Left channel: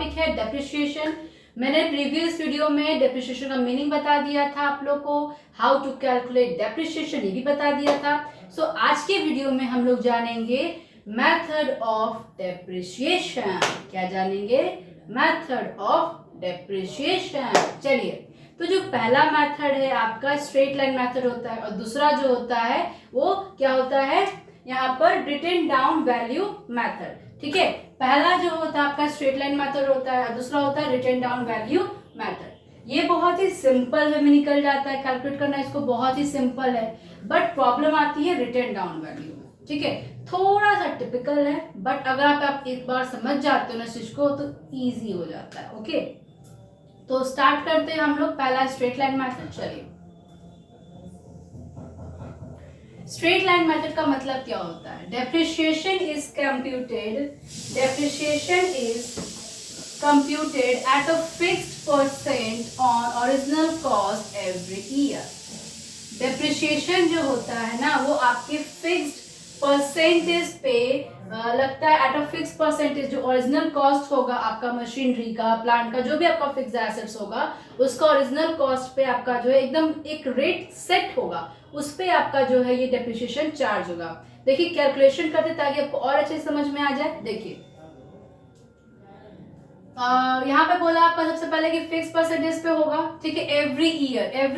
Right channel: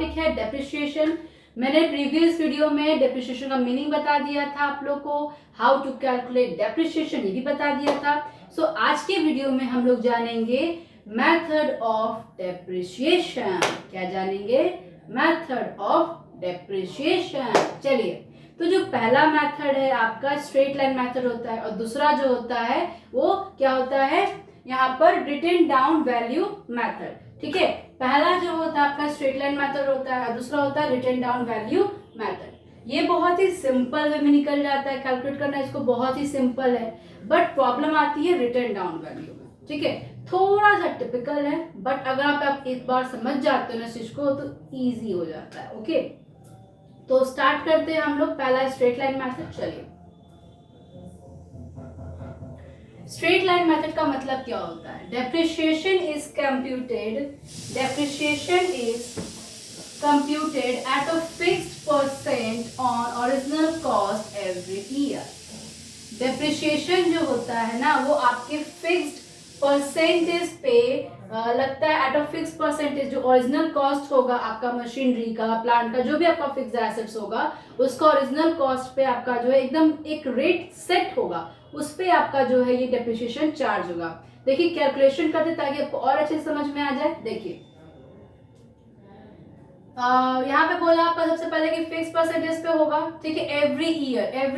Topic है depreciation. मैंने previous video में डेप्रिसिएशन का मीनिंग बता दिया था आप लोग को, हाउ टू कैलकुलेट डेप्रिसिएशन ये भी बता दिया था। सो आज के वीडियो में हम लोग जानेंगे मेथड ऑफ डेप्रिसिएशन। क्या जानेंगे? Method of depreciation. चलिए, तो जो पहला मेथड है आपका स्ट्रेट लाइन मेथड होता है और दूसरा जो होता है वो क्या होता है यहाँ पर रिटन डाउन वैल्यू मेथड। ठीक है, पहला जो होता है आपका स्ट्रेट लाइन मेथड होता है और दूसरा होता है रिटन डाउन वैल्यू मेथड। ये बहुत ही सिंपल वे में निकल जाता है, कैलकुलेट करना इसको बहुत ही सिंपल है, बट प्रॉब्लम आती है रिटन डाउन वैल्यू में। ठीक है, थोड़ा सा टिपिकल है, बट अगर आप एक बार समझ जाते हो ना चीज को तो इजी हो जाता है। ओके, तो स्टार्ट करते हैं हम लोग पहला स्ट्रेट लाइन मेथड। चलिए, स्ट्रेट लाइन मेथड का मतलब क्या होता है? Depreciation is computed at a fixed percent on original cost every year. Depreciation जो होता है ना वो आपके फिक्स्ड परसेंटेज पे लगता है, एट अ फिक्स परसेंटेज। जो ओरिजिनल कॉस्ट होगा आपका मशीनरी का, प्लांट का, जो भी आपका फिक्स एसेट्स होगा उसका ओरिजिनल कॉस्ट पे आपका जो है एकदम एक रेट सेट होगा, उस पे आपका जो है ये डेप्रिसिएशन चार्ज होगा। देखिए कैलकुलेशन करते ताकि आपको और अच्छे समझ में आ जाए। देखिए यहाँ पे बोला आपका सबसे पहले कि फिक्स परसेंटेज पे होगा। ठीक है, एवरी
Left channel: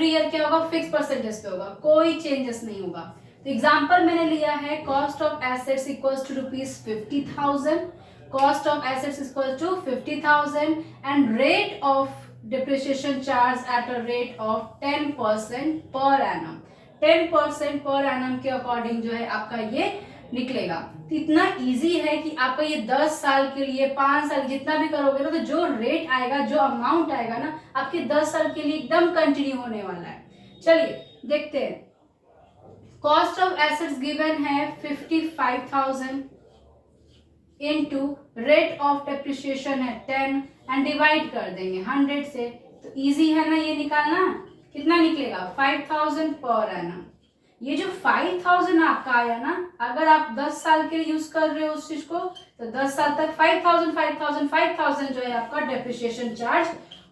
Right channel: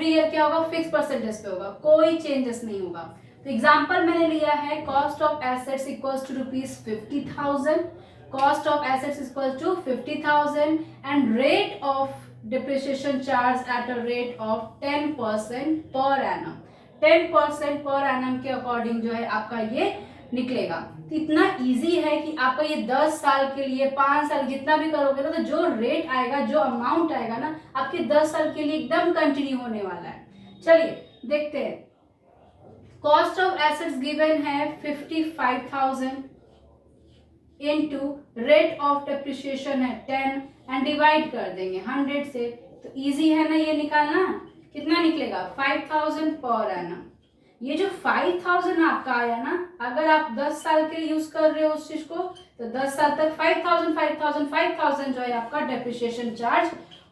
ईयर क्या होगा? फिक्स परसेंटेज पे होगा, कोई चेंजेस नहीं होगा। तो एग्जांपल मैंने लिया है cost of assets equals to ₹50,000, cost of assets equals to 50,000 and rate of depreciation charge at a rate of 10% per annum. 10% per annum के अकॉर्डिंग जो है आपका ये निकलेगा। तो इतना इजी है कि आपका ये 10 साल के लिए, 5 साल जितना भी करोगे ना, तो जो रेट आएगा, जो अमाउंट आएगा ना आपके 10 साल के लिए एकदम कंटिन्यू होने वाला है। चलिए देखते हैं, कॉस्ट ऑफ एसेट्स गिवन है 55,000 इनटू रेट ऑफ डेप्रिसिएशन है 10 एंड डिवाइड कर देंगे 100 से। तो इजी है ना ये निकालना। कितना निकलेगा? 5,000 पर एनम। ये जो 5,000 आपका आया ना, अगर आप 10 साल के लिए यूज कर रहे हो उस चीज को, तो 10 साल तक 5,000 जो है आपका डेप्रिसिएशन चार्ज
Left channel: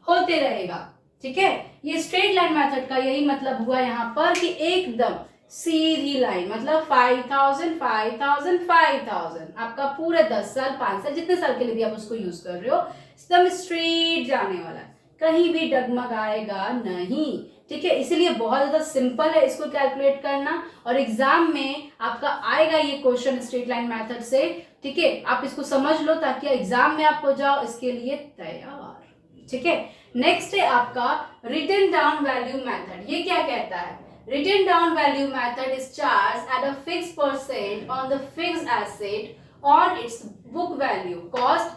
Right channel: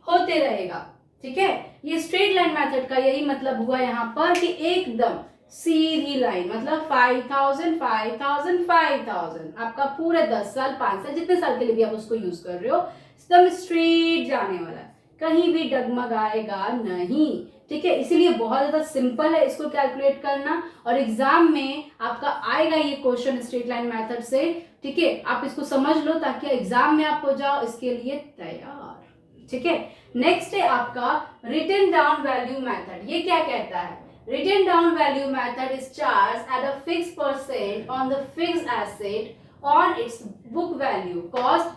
होते रहेगा। ठीक है, ये स्ट्रेट लाइन मेथड का यही मतलब हुआ यहाँ पर कि एकदम सीधी लाइन, मतलब 5,000 आपका पूरे 10 साल, 5 साल, जितने साल के लिए भी आप उसको यूज कर रहे हो, एकदम स्ट्रेट जाने वाला है, कहीं भी डगमगाएगा नहीं। ठीक है, इसीलिए बहुत ज्यादा सिंपल है इसको कैलकुलेट करना, और एग्जाम में आपका आएगा ये क्वेश्चन स्ट्रेट लाइन मेथड से। ठीक है, आप इसको समझ लो ताकि एग्जाम में आप हो जाओ इसके लिए तैयार। ठीक है, नेक्स्ट है आपका रिटन डाउन वैल्यू मेथड। ये क्या कहता है? Written down value method is charge at a fix percent on the fixed asset on its book value, cost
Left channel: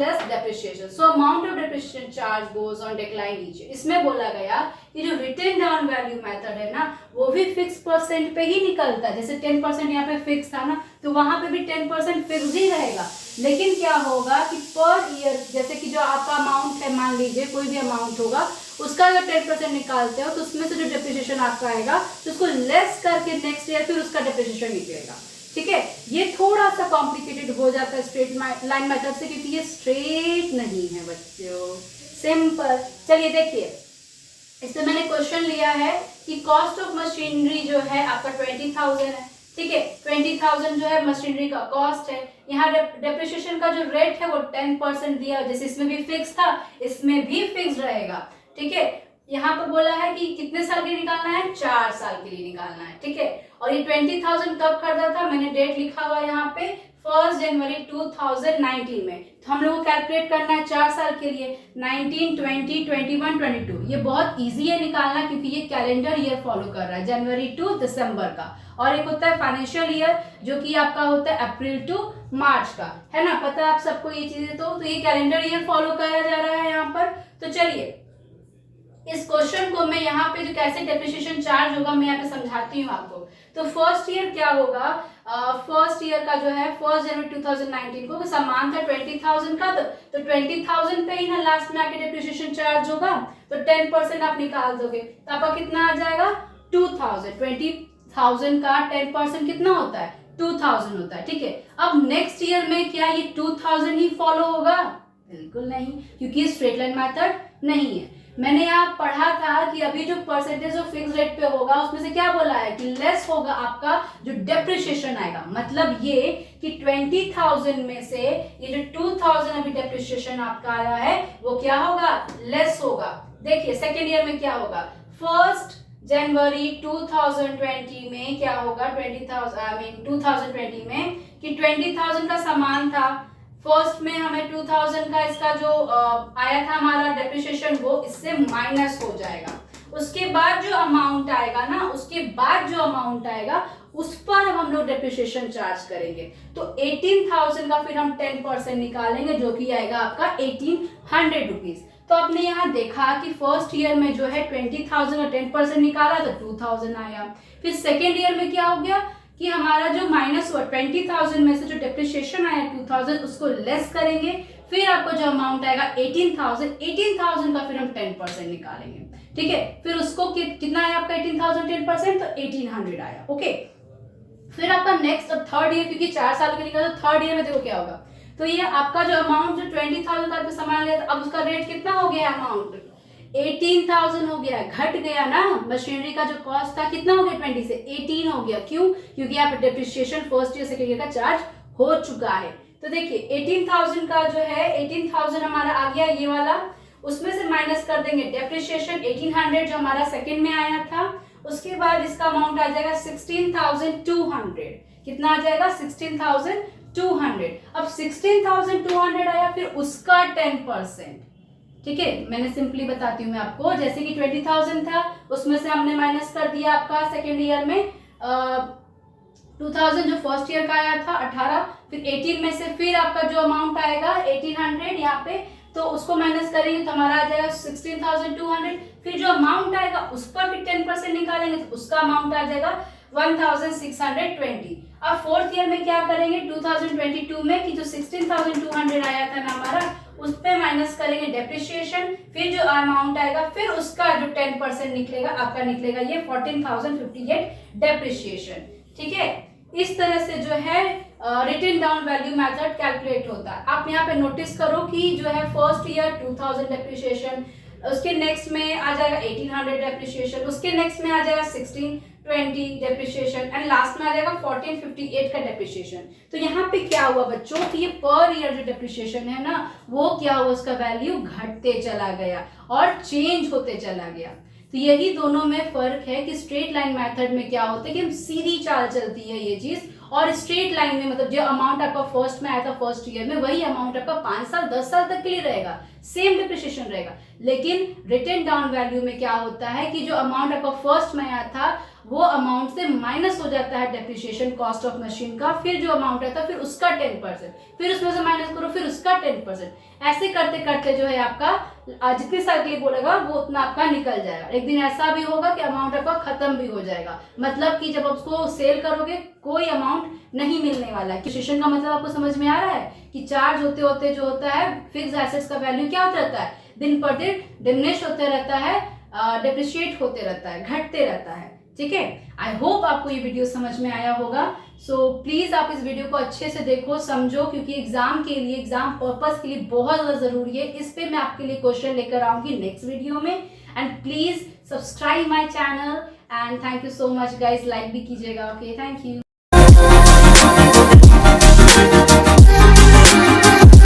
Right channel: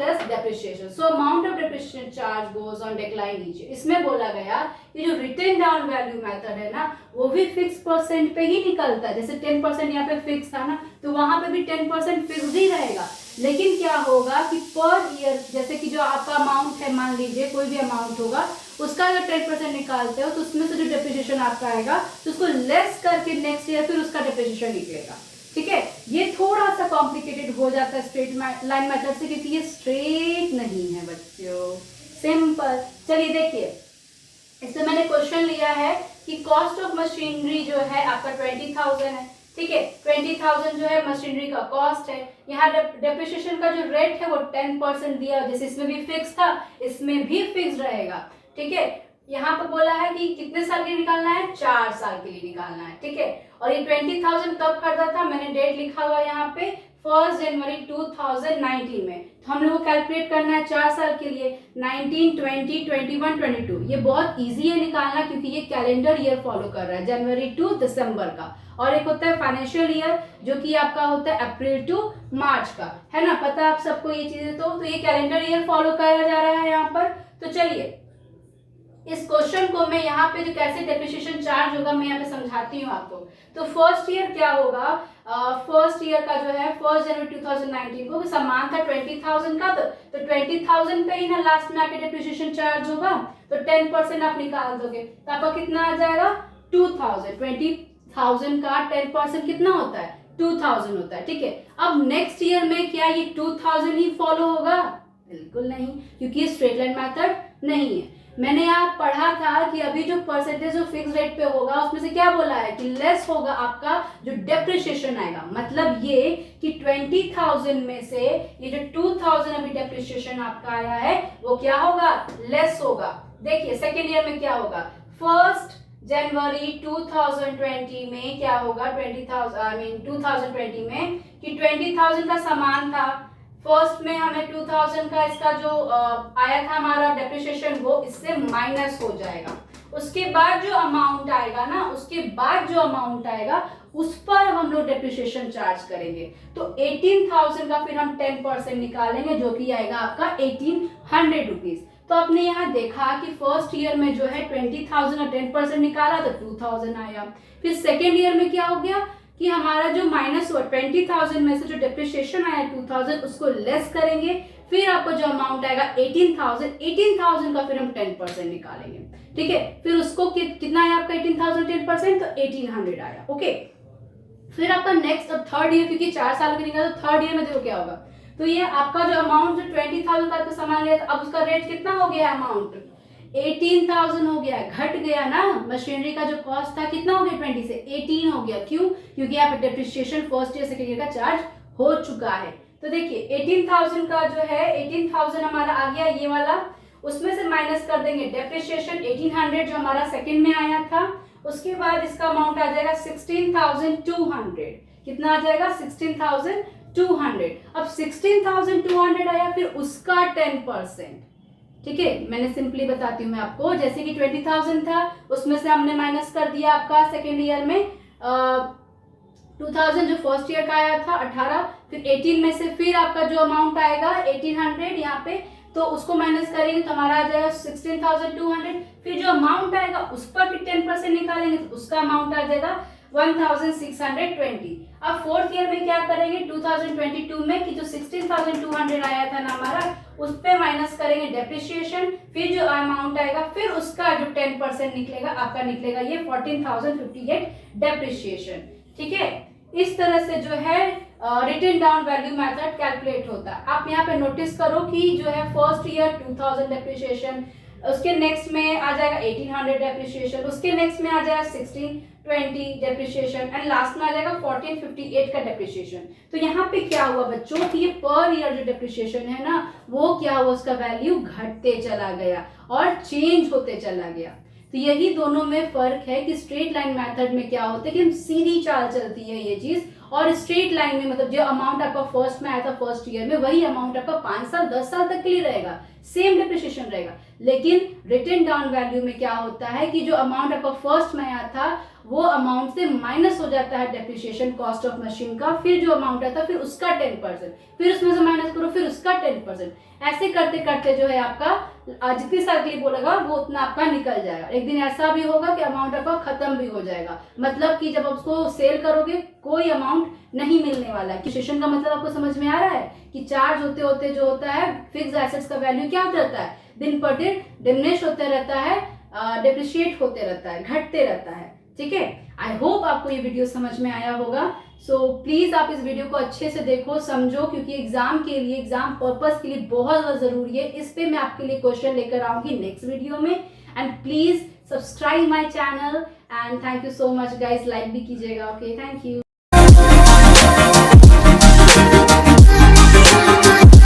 less depreciation, so amount of depreciation charge goes on decline each year। इसमें बोला गया कि जो written down value method है ना वो भी fix percent पे ही निकलता है। जैसे 10% यहाँ पे फिक्स था ना, तो वहां पे भी 10% फिक्स ही रहेगा, लेकिन क्या होगा कि पर ईयर, जैसे कि जो आपका अमाउंट है, मान लीजिए कोई भी अमाउंट होगा, उसका अगर 10% निकालते हो तो उसमें से जो डेप्रिसिएशन आपका आएगा तो उसको लेस करके नेक्स्ट ईयर फिर उसका डेप्रिसिएशन निकलेगा। ठीक है, ये थोड़ा सा कॉम्प्लिकेटेड हो जाता है स्ट्रेट लाइन मेथड से, क्योंकि ये स्ट्रेट नहीं है बच्चों, सिंपल। चलिए देखिए, इसमें मैंने क्वेश्चन लिया है कि कॉस्ट ऑफ मशीनरी जो है आपका 20,000 है। ठीक है, 20,000 जो है मशीनरी का कॉस्ट है। यहाँ डेप्रिसिएशन का जो रेट है वो 10% दिया, जैसे इसमें भी फिक्स था इसमें भी फिक्स रहेगा। ठीक है, यहाँ पर बोला है कि कितने साल के लिए निकालना है? 4 साल के लिए निकालना है। ठीक है, और ये 20,000 कब खरीदा था? मैंने डेट लिखा हुआ यहाँ पे 1 जनवरी 2019 में। तो हम लोग को कैलकुलेट करना है 4 साल के लिए, 19, 20, 21, 22। ये बहुत इजी है निकालना, क्योंकि ये कैलेंडर ईयर फॉलो कर रहा है, जनवरी टू दिसंबर का। और एक होता है फाइनेंशियल ईयर जो कि आपका होता है अप्रैल टू मार्च का, है ना? पता है आप सबको ये चीजें। तो ये कैलेंडर ईयर फॉलो करा जा रहा है यहाँ पर। तो चलिए इस क्वेश्चन को मैं यहाँ पे जो कैसे डेप्रिसिएशन चार्ज होगा मैं यहाँ पे समझाती हूँ आपको। तो फर्स्ट ईयर क्या होगा? फर्स्ट ईयर का जो है 1 जनवरी 2019 को सामान था 20,000 का, तो 20,000 पे ही ना लास्ट में आके डेप्रिसिएशन चार्ज होगा, तो 10% आप निकाल दोगे तो आपका कितना आ जाएगा? 2,000। 20,000 का 10% कितना होता है? 2000 होता है, ठीक है। अब नेक्स्ट ईयर में क्या ये 2000 ही फॉलो होगा? बिल्कुल नहीं, क्योंकि ये स्ट्रेट लाइन मेथड नहीं है। मैंने यहाँ पढ़ा था कि अभी जो परसेंटेज ऑफ फिक्स रेट पे होगा उसमें से क्या बोला है कि लेस होगा आपका जो डेप्रिसिएशन आएगा। मतलब ये कि 20,000 में से ये जो 2000 अभी डेप्रिसिएशन आपका आया है वो क्या होगा? लेस होगा। देखिए सेकेंड ईयर में क्या होगा, 1 जनवरी 2020 में क्या होगा, 2020 में कि 20,000 का सामान था, फर्स्ट में हमें 2000 का इसका जो आया था हमारा डेप्रिसिएशन वो इससे माइनस हो जाएगा। उसके बाद जो अमाउंट आएगा ना, उसके बाद जो अमाउंट आएगा उस पर हम लोग डेप्रिसिएशन चार्ज करेंगे। तो 18,000 का फिर हम 10% निकालेंगे जो कि आएगा आपका 1800 रुपीज। तो आपने यहाँ देखा कि फर्स्ट ईयर में जो है 20,000 का 10% निकाला तो 2000 आया। फिर सेकेंड ईयर में क्या हो गया कि हमारा जो माइनस हुआ 20,000 में से जो डेप्रिसिएशन आया 2000 उसको लेस करेंगे, फिर आपको जो अमाउंट आएगा 18,000 का फिर हम 10% निकालेंगे, ठीक है। फिर उसको कितना आया आपका 18,000 10% तो 1800 आया, ओके। फिर आपका नेक्स्ट अब थर्ड ईयर, क्योंकि 4 साल के निकाला तो थर्ड ईयर में देखो क्या होगा। तो ये आपका जो अमाउंट जो 20,000 का सामान लिया था अब उसका रेट कितना हो गया, अमाउंट 18,000 हो गया, घट गया ना। मशीनरी का जो कॉस्ट था कितना हो गया 20 से 18 हो गया, क्यों? क्योंकि यहाँ पे depreciation first year second year का चार्ज हो चुका है। तो देखिए 18,000 का जो है 18,000 हमारा आ गया ये वाला, उसमें से माइनस कर देंगे डेप्रिसिएशन 1800 जो हमारा सेकेंड में आया था। उसके बाद इसका अमाउंट आ जाएगा 16,200। कितना आ जाएगा? 16,200। अब 16,200 आया, फिर उसका 10%, ठीक है। मैंने सिंपली बताती हूँ मैं आपको, जैसे कि 20,000 था उसमें से हमने माइनस कर दिया आपका सेकेंड ईयर में 2000 जो फर्स्ट ईयर का आया था 18, फिर 18 में से फिर आपका जो अमाउंट आएगा 1800 यहाँ पे, तो उसको माइनस करेंगे तो हमारा आ जाएगा 16,200। फिर जो अमाउंट आएगा उस पर फिर 10% निकालेंगे तो उसका अमाउंट आ जाएगा 1,620। अब फोर्थ ईयर में क्या करेंगे 2022 में कि जो 16,200 आया था ना हमारा, उस पे माइनस करेंगे डेप्रिसिएशन, फिर जो अमाउंट आएगा फिर उसका जो 10% निकलेगा आपका निकलेगा ये 14,058 डेप्रिसिएशन, ठीक है। इस तरह से जो है written down value method calculate होता है। आप यहाँ पे नोटिस करो कि जो है फर्स्ट ईयर 2000 डेप्रिसिएशन, उसके नेक्स्ट में आ जाएगा 1800 डेप्रिसिएशन, उसके नेक्स्ट में आ जाएगा 1620 डेप्रिसिएशन एंड लास्ट में आ जाएगा 1458 का डेप्रिसिएशन। तो यहाँ पे क्या हुआ बच्चों कि ये पर ईयर जो डेप्रिसिएशन है ना वो क्या हुआ, उसका वैल्यू घटते चला गया और चेंज होते चला गया। तो यही दोनों में फर्क है कि स्ट्रेट लाइन मेथड में क्या होता है कि हम सीधी चाल चलती है ये चीज, और स्ट्रेट लाइन में मतलब जो अमाउंट आपका फर्स्ट में आया था फर्स्ट ईयर में वही अमाउंट आपका 5 साल 10 साल तक के लिए रहेगा, सेम डिप्रिसिएशन रहेगा। लेकिन रिटन डाउन वैल्यू में क्या होता है कि जो अमाउंट आपका फर्स्ट में आया था वो अमाउंट से माइनस हो जाता है डेप्रिसिएशन कॉस्ट ऑफ मशीन का, फिर जो अमाउंट आता है फिर उसका 10%, फिर उसमें से माइनस करो फिर उसका 10%, ऐसे करते करते जो है आपका जितने साल के लिए बोलेगा वो उतना आपका निकल जाएगा। एक दिन ऐसा भी होगा कि अमाउंट आपका खत्म भी हो जाएगा, मतलब कि जब आप उसको सेल करोगे कोई अमाउंट नहीं मिलने वाला है। डेप्रिसिएशन का मतलब आपको समझ में आ रहा है कि चार्ज होते होते जो होता है फिक्स एसेट्स का वैल्यू क्या होता रहता है, दिन पर दिन डिमिनिश होते रहता है, डेप्रिशिएट होते रहता है, घटते रहता है, ठीक है। आई होप आपको ये वीडियो समझ में आया होगा। सो प्लीज आप इस वीडियो को अच्छे से देखो, समझो, क्योंकि एग्जाम के लिए, एग्जाम पर्पस के लिए बहुत ज्यादा जरूरी है। इस पे मैं आपके लिए क्वेश्चन लेकर आऊंगी नेक्स्ट वीडियो में। And please subscribe my channel and thank you so much guys, like भी कीजिएगा। Okay, thank you.